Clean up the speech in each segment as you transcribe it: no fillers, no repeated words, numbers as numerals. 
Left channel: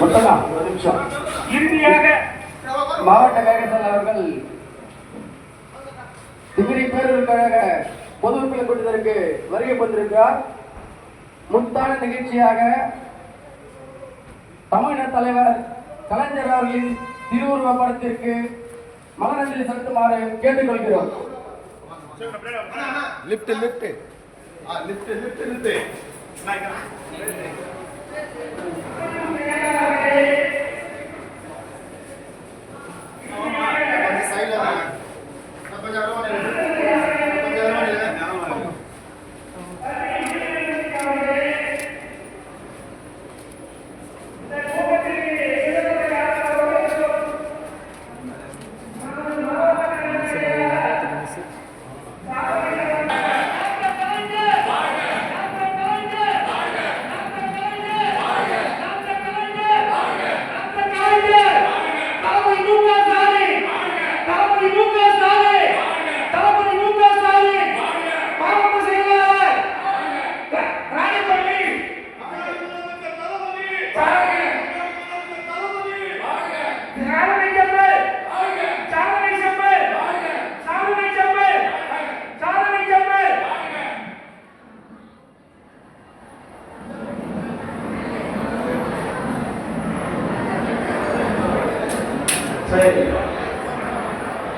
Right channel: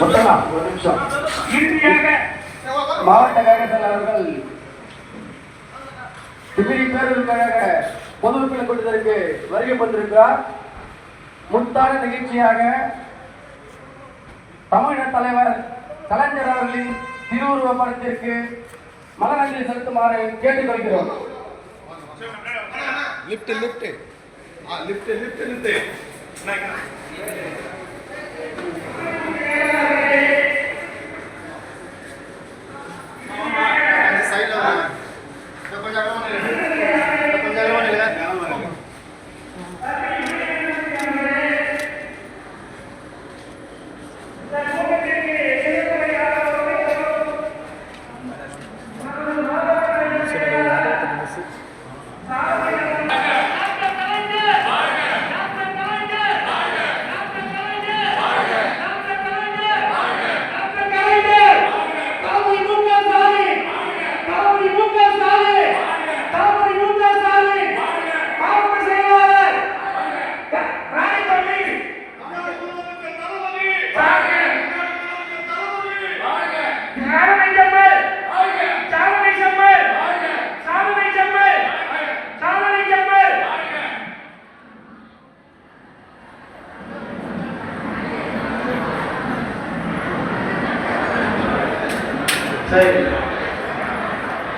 மொத்தமா ஒரு நிமிஷம். இறுதியாக மாவட்ட கழகத்தில் அவர்கள் டிகிரி பேரூர் கழக பொதுமக்கள் கூட்டத்திற்கு வருகை வந்திருக்கிறார். முத்தான நிகழ்ச்சியாக தமிழக தலைவர் கலைஞர் அவர்களின் திருவுருவ படத்திற்கு மலரஞ்சலி செலுத்துமாறு கேட்டுக்கொள்கிறோம். Lift lift lift lift lift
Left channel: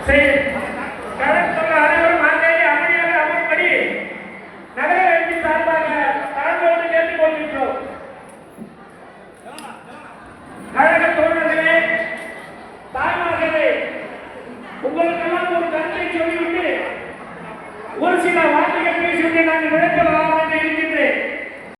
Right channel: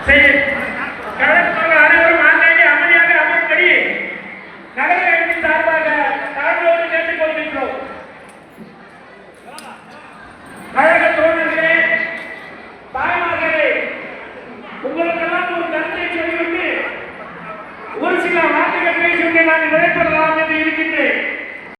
Say it.